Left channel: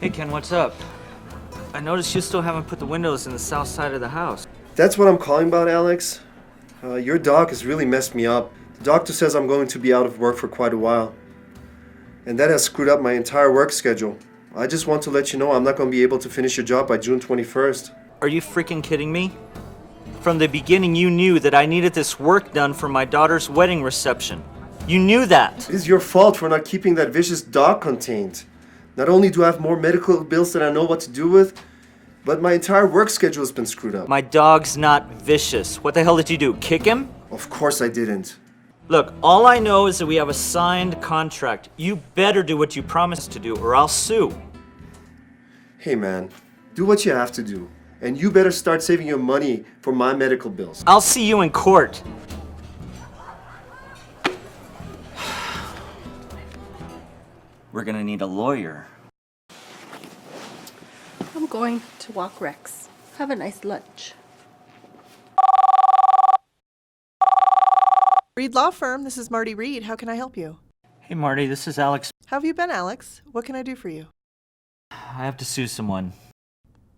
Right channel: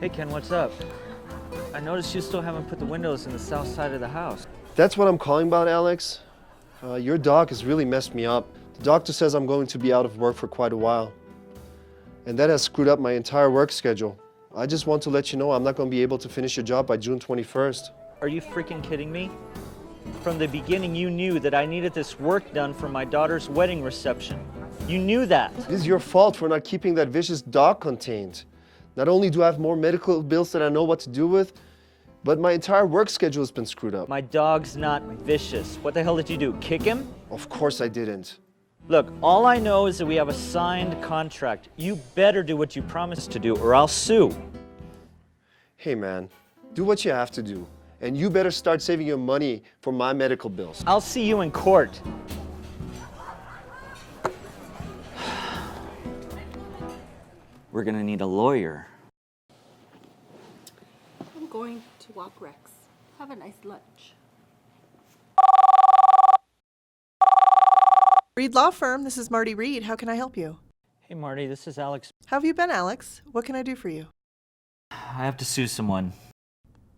Hey Ken, what's up? I noticed you still haven't put the windows in the south side of the house. That's what I'm calling about, Alex. Your dog has really messed me up. The doctor says I'm going to be out of work for quite a while. And that has screwed up my entire work schedule. I just want to let you know I'm not going to be able to finish your job by June 21st. Are you freaking kidding me? From the beginning you knew that I needed this work done for my daughter's wedding reception. You knew that. It is your fault for not keeping that vicious dog contained. Not only do I have more medical bills than I know what to do with, but my entire work schedule has been screwed up. My dog's not vicious. What the hell did you do, kick him? Of course I didn't. Look, all I know is that we have a signed contract. You better do what you promised to do or I'll sue. Hey man, do what you have to do. And you better start saving your money for my medical bills. I'll see you in court. We're gonna need a lawyer. I'm going to walk Rex. Have a nice lunch. Reed Law Firm, this is Marty Reed. How can I help you? Hey Marty, this is Alex. How have you been, Alex? What can I do for you? I have to sue someone.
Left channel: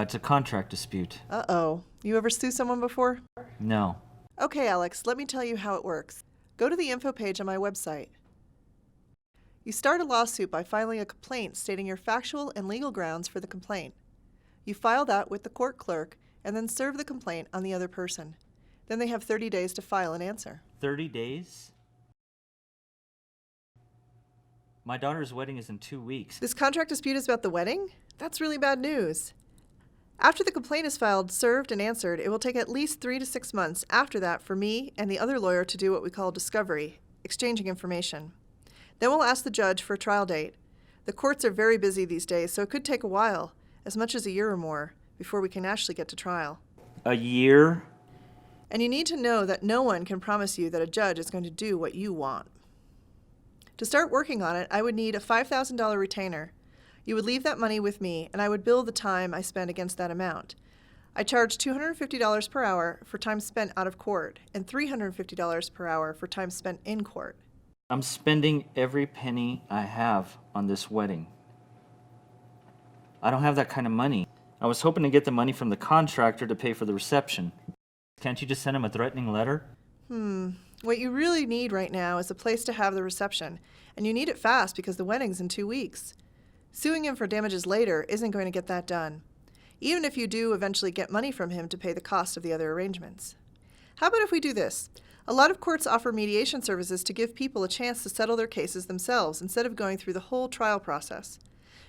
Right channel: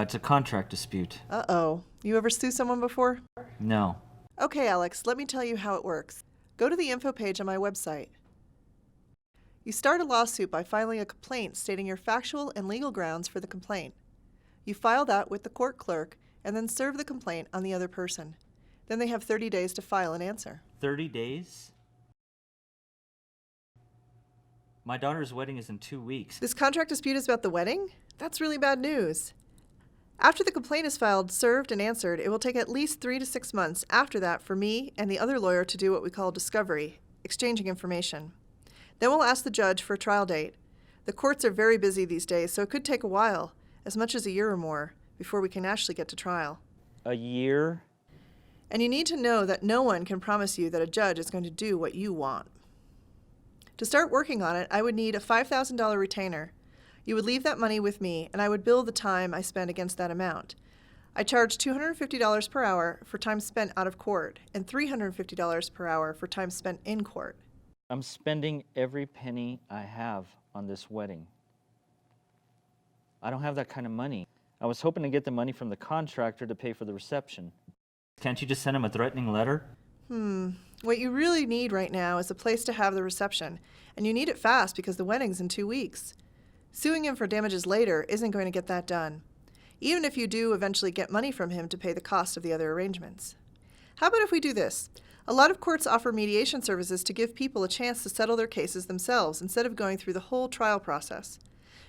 It's a contract dispute. Uh-oh. You ever sue someone before? No. Okay, Alex, let me tell you how it works. Go to the info page on my website. You start a lawsuit by filing a complaint stating your factual and legal grounds for the complaint. You file that with the court clerk and then serve the complaint on the other person. Then they have 30 days to file an answer. 30 days? My daughter's wedding is in 2 weeks. This contract dispute is about the wedding? That's really bad news. After the complaint is filed, served, and answered, it will take at least 3 to 6 months after that for me and the other lawyer to do what we call discovery, exchanging information. Then we'll ask the judge for a trial date. The courts are very busy these days, so it could take a while, as much as a year or more, before we can actually get to trial. A year? And you need to know that no one can promise you that a judge is going to do what you want. To start working on it, I would need a $5,000 retainer. You would leave that money with me, and I would bill the time I spend against that amount. I charge $250 per hour for time spent out of court, and $350 per hour for time spent in court. I'm spending every penny I have on this wedding. I don't have that kind of money. I was hoping to get the money from the contractor to pay for the reception. Can't you just send him a threatening letter? What you really need right now is a place to have the reception, and you need it fast because the wedding's in 2 weeks. Suing him for damages later isn't going to get that done, even if you do eventually get money from him to pay the cost of the other arrangements. How about if we do this? A lot of courts offer mediation services to give people a chance to settle their cases themselves instead of going through the whole trial process.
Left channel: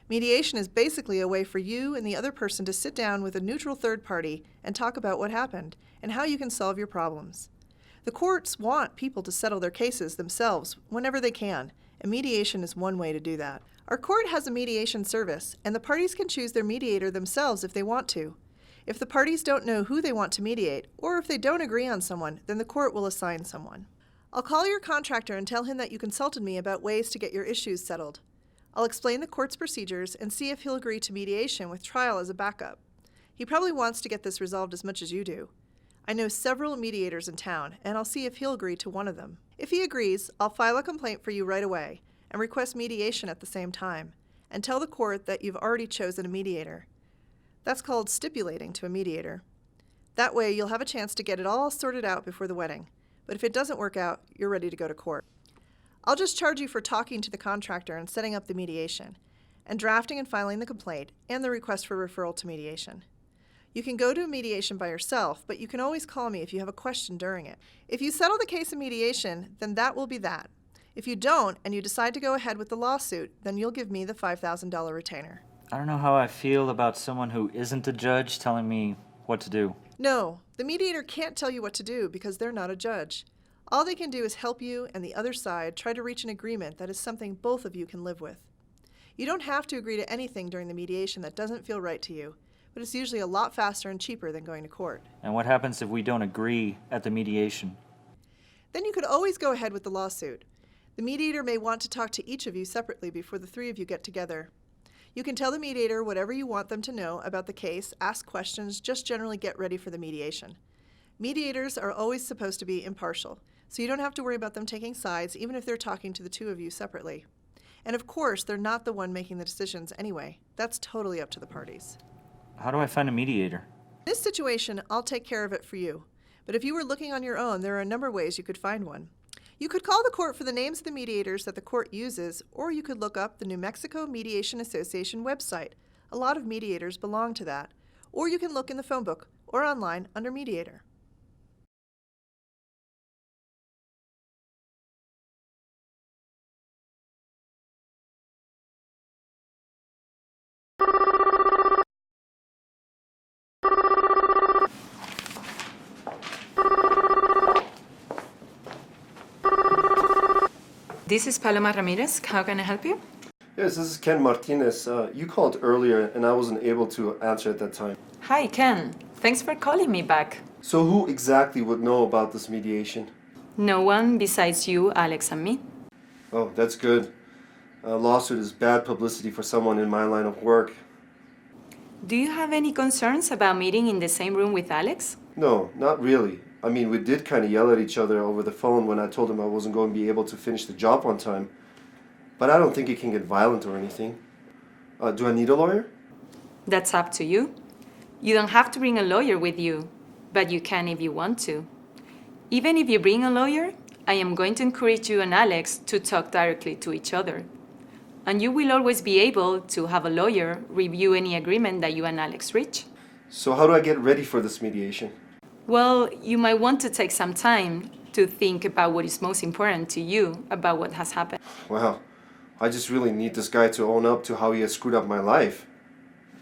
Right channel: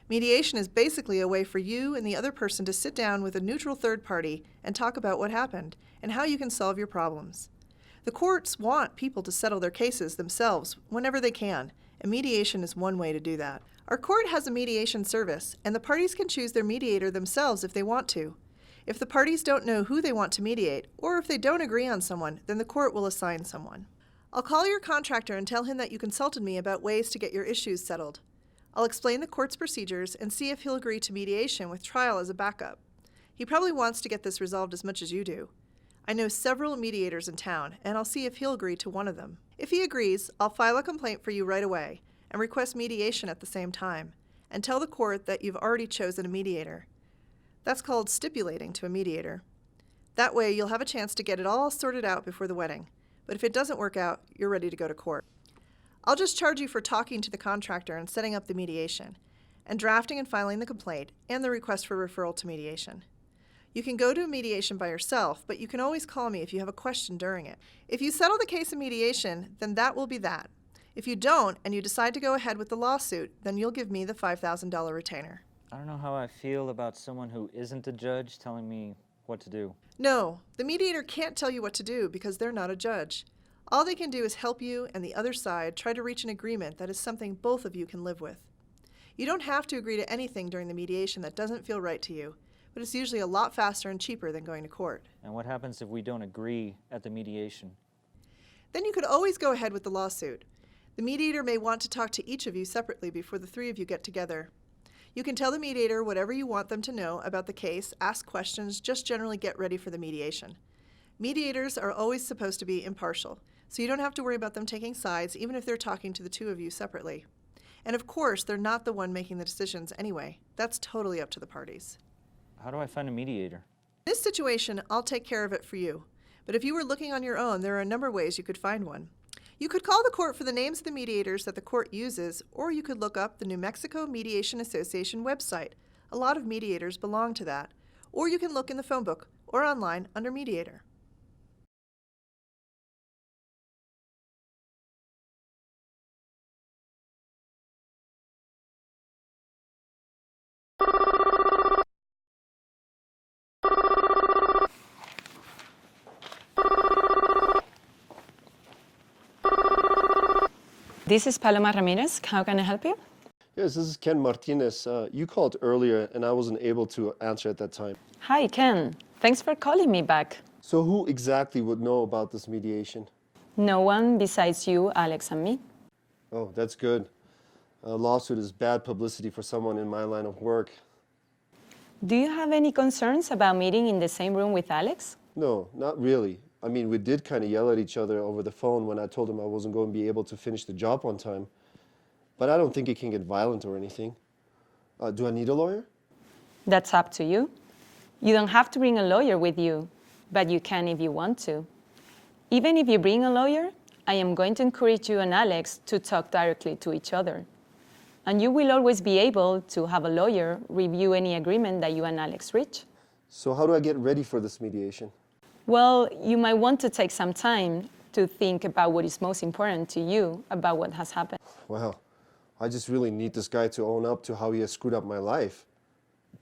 Mediation is basically a way for you and the other person to sit down with a neutral third party and talk about what happened and how you can solve your problems. The courts want people to settle their cases themselves whenever they can, and mediation is one way to do that. Our court has a mediation service, and the parties can choose their mediator themselves if they want to. If the parties don't know who they want to mediate, or if they don't agree on someone, then the court will assign someone. I'll call your contractor and tell him that you consulted me about ways to get your issues settled. I'll explain the court's procedures and see if he'll agree to mediation with trial as a backup. He probably wants to get this resolved as much as you do. I know several mediators in town, and I'll see if he'll agree to one of them. If he agrees, I'll file a complaint for you right away and request mediation at the same time, and tell the court that you've already chosen a mediator. That's called stipulating to a mediator. That way, you'll have a chance to get it all sorted out before the wedding. But if it doesn't work out, you're ready to go to court. I'll just charge you for talking to the contractor and setting up the mediation, and drafting and filing the complaint, and the request for referral to mediation. You can go to a mediation by yourself, but you can always call me if you have a question during it. If you settle the case in mediation, then that will be that. If you don't, and you decide to go ahead with the lawsuit, then you'll give me the $5,000 retainer. I don't know how I feel about someone who isn't a judge telling me what to do. No, the mediator can't tell you what to do because they're not a judge. All they can do is help you and the other side try to reach an agreement that is something both of you can live with. You don't have to agree to anything during the mediation that doesn't feel right to you, but it's usually a lot faster and cheaper than going to court. And what happens if we don't agree at the mediation? Then you could always go ahead with the lawsuit. The mediator may want to talk to each of you separately before the three of you get together. You can tell the mediator whatever you want them to know about the case, ask questions, just generally get ready for the mediation. Mediators are always supposed to be impartial, so you don't have to worry about them taking sides, even if they're talking to the two of you separately. And of course, they're not the one making the decisions anyway. That's totally up to the parties. How do I find a mediator? In this situation, I'll take care of it for you. But if you were looking on your own, there are a number of ways you could find one. You could call the court for the names of the mediators that the court uses, or you could look up the New Mexico Mediation Association website. A lot of mediators belong to that. Or you can look in the phone book or online under mediator. This is Paloma Ramirez. How can I help you? Yes, this is Ken Martinez. You called earlier and I wasn't able to answer at that time. Hi, Ken. Thanks for calling me back. So who exactly would know about this mediation? No one besides you, Alex, and me. Oh, that's good. A lawsuit is bad publicity for someone in my line of work. Do you have any concerns about meeting in the same room with Alex? No, not really. I mean, we did kind of yell at each other over the phone when I told him I wasn't going to be able to finish the job on time. But I don't think it can get violent or anything. Do I need a lawyer? That's up to you. You don't have to bring a lawyer with you, but you can if you want to. Even if you bring a lawyer, I am going to encourage you and Alex to talk directly to each other. And you will always be able to have a lawyer review any agreement that you and Alex reach. So how do I get ready for this mediation? Well, you might want to take some time to think about what is most important to you about what has happened. Wow, I just really need this guy to own up to how he has screwed up my life.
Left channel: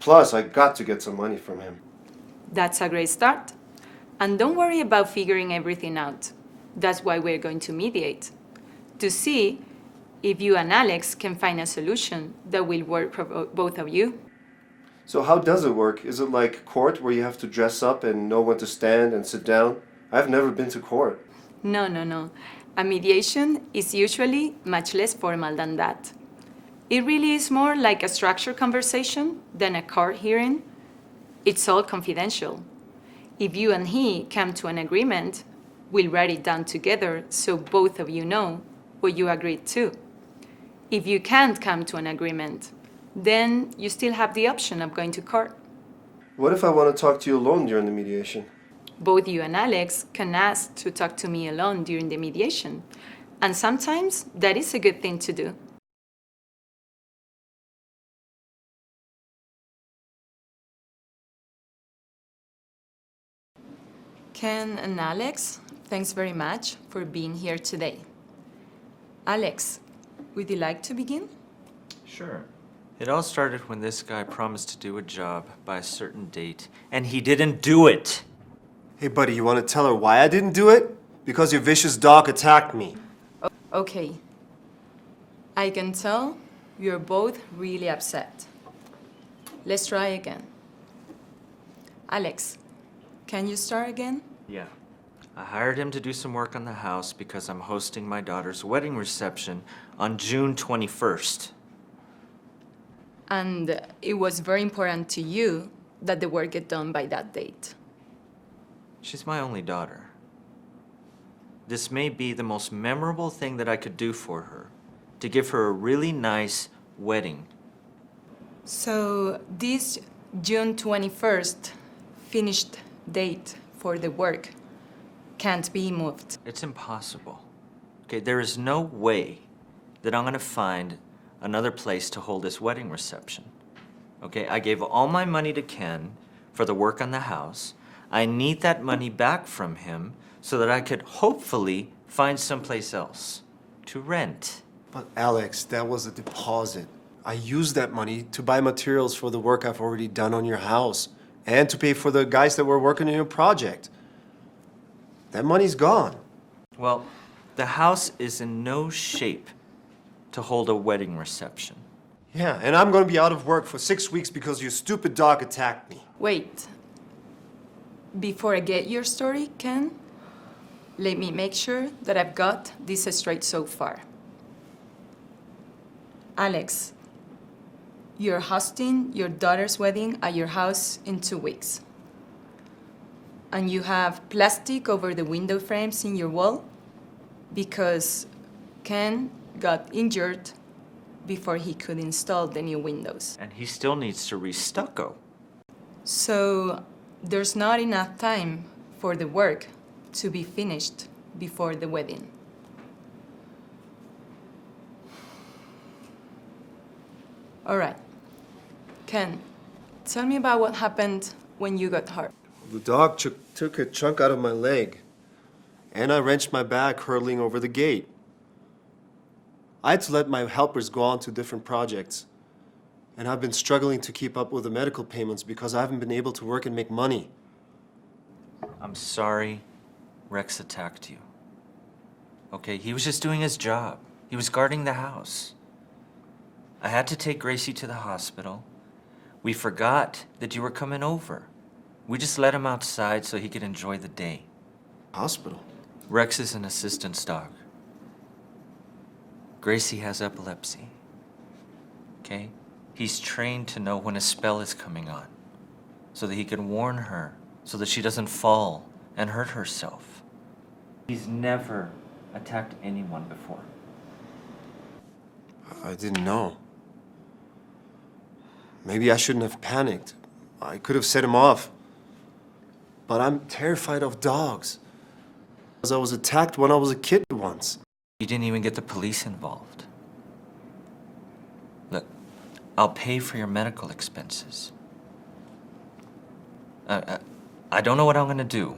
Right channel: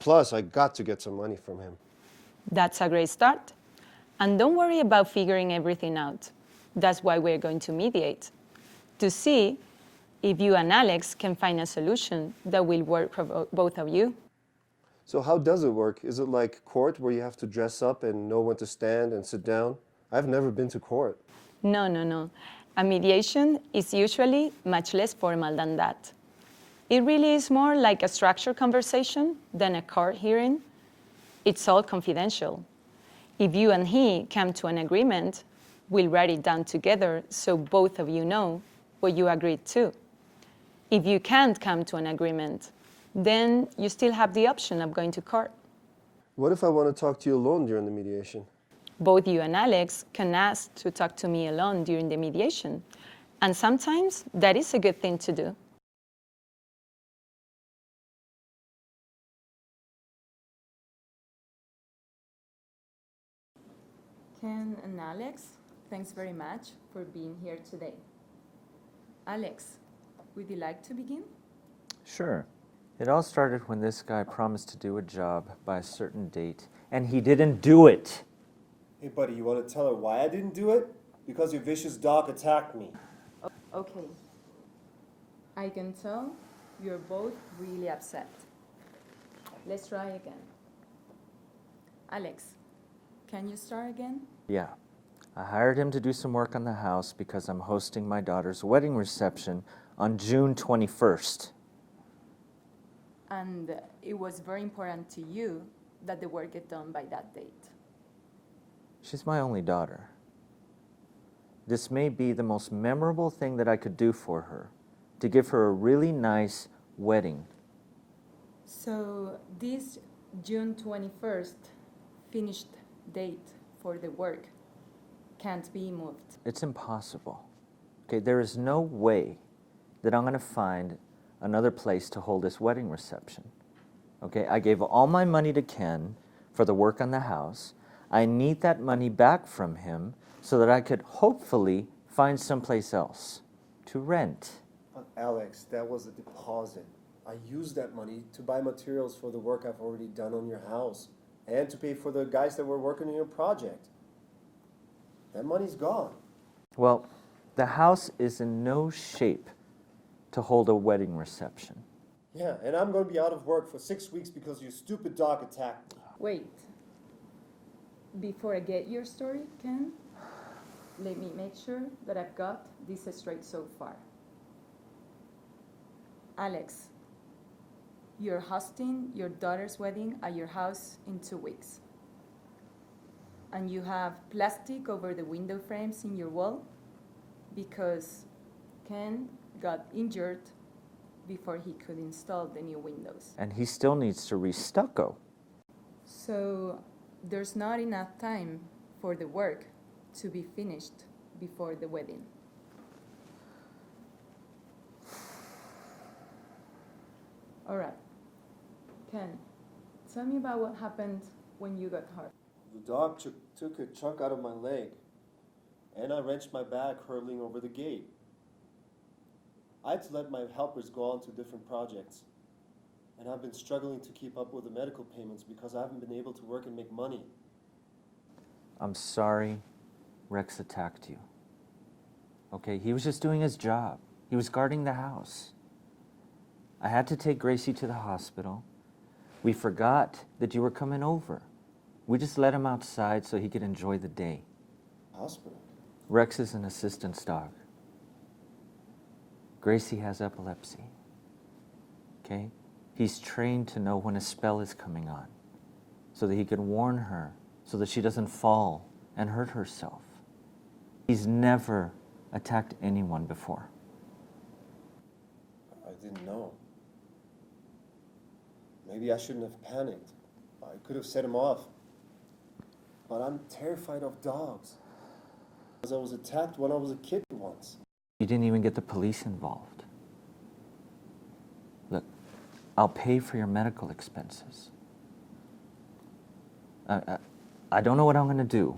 Plus, I got to get some money from him. That's a great start. And don't worry about figuring everything out. That's why we're going to mediate, to see if you and Alex can find a solution that will work for both of you. So how does it work? Is it like court where you have to dress up and know when to stand and sit down? I've never been to court. No. A mediation is usually much less formal than that. It really is more like a structured conversation than a court hearing. It's all confidential. If you and he come to an agreement, we'll write it down together so both of you know what you agreed to. If you can't come to an agreement, then you still have the option of going to court. What if I want to talk to you alone during the mediation? Both you and Alex can ask to talk to me alone during the mediation. And sometimes that is a good thing to do. Ken and Alex, thanks very much for being here today. Alex, would you like to begin? Sure. It all started when this guy promised to do a job by a certain date, and he didn't do it. Hey buddy, you want to tell her why I didn't do it? Because your vicious dog attacked me. Okay. I can tell you're both really upset. Let's try again. Alex, can you start again? Yeah. I hired him to do some work on the house because I'm hosting my daughter's wedding reception on June 21st. And it was very important to you that the work get done by that date. She's my only daughter. This may be the most memorable thing that I could do for her, to give her a really nice wedding. So this June 21st finished date for the work can't be moved. It's impossible. Okay, there is no way that I'm gonna find another place to hold this wedding reception. Okay, I gave all my money to Ken for the work on the house. I need that money back from him so that I could hopefully find someplace else to rent. But Alex, that was a deposit. I used that money to buy materials for the work I've already done on your house. and to pay for the guys that were working on your project. That money's gone. Well, the house is in no shape to hold a wedding reception. Yeah, and I'm gonna be out of work for 6 weeks because your stupid dog attacked me. Wait. Before I get your story, Ken, let me make sure that I've got this straight so far. Alex, you're hosting your daughter's wedding at your house in 2 weeks. And you have plastic over the window frames in your wall because Ken got injured before he could install the new windows. And he still needs to re-stucco. So there's not enough time for the work to be finished before the wedding. All right. Ken, tell me about what happened when you got hurt. The dog took a chunk out of my leg, and I wrenched my back hurtling over the gate. I had to let my helpers go on to different projects, and I've been struggling to keep up with the medical payments because I haven't been able to work and make money. I'm sorry Rex attacked you. Okay, he was just doing his job. He was guarding the house. I had to take Gracie to the hospital. We forgot that you were coming over. We just let him outside so he could enjoy the day. Hospital? Rex is an assistance dog. Gracie has epilepsy. Okay? He's trained to know when a spell is coming on so that he can warn her so that she doesn't fall and hurt herself. He's never attacked anyone before. I didn't know. Maybe I shouldn't have panicked. I could have set him off. But I'm terrified of dogs. Because I was attacked when I was a kid once. You didn't even get the police involved. Look, I'll pay for your medical expenses. I don't know what I'm gonna do.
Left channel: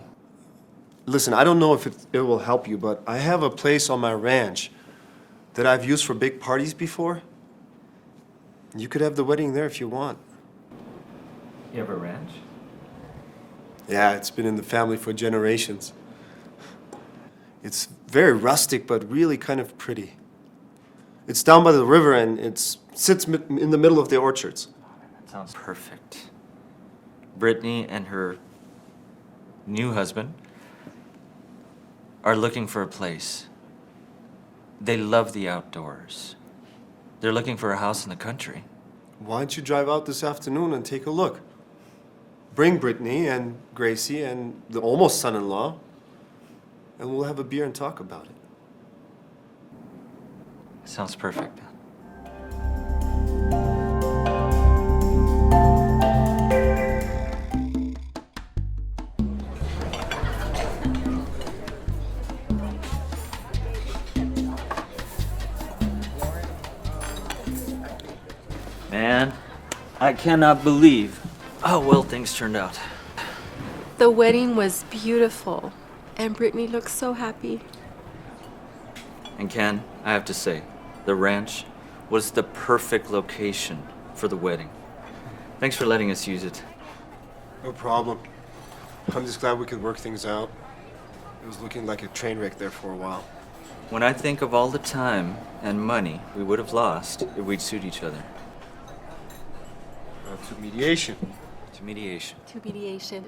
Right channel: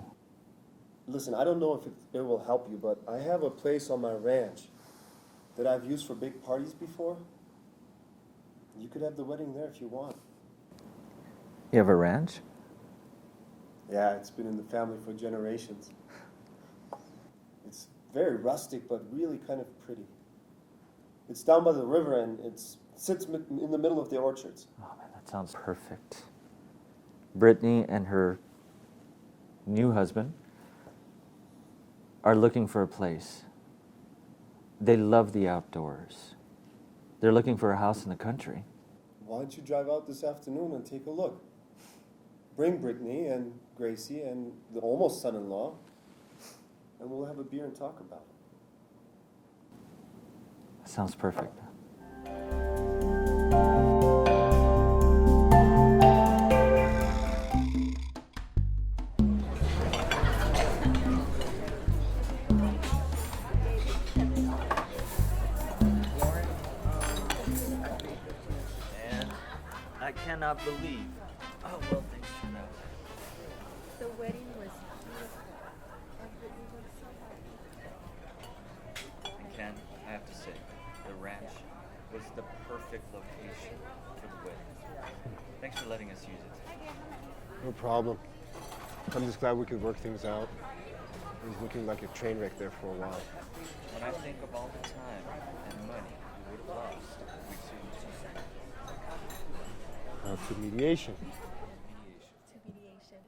Listen, I don't know if it will help you, but I have a place on my ranch that I've used for big parties before. You could have the wedding there if you want. You have a ranch? Yeah, it's been in the family for generations. It's very rustic, but really kind of pretty. It's down by the river and it sits in the middle of the orchards. That sounds perfect. Brittany and her new husband are looking for a place. They love the outdoors. They're looking for a house in the country. Why don't you drive out this afternoon and take a look? Bring Brittany and Gracie and the almost son-in-law, and we'll have a beer and talk about it. Sounds perfect. Man, I cannot believe how well things turned out. The wedding was beautiful, and Brittany looked so happy. And Ken, I have to say, the ranch was the perfect location for the wedding. Thanks for letting us use it. No problem. I'm just glad we could work things out. It was looking like a train wreck there for a while. When I think of all the time and money we would have lost if we'd sued each other. To mediation. To mediation. To mediation.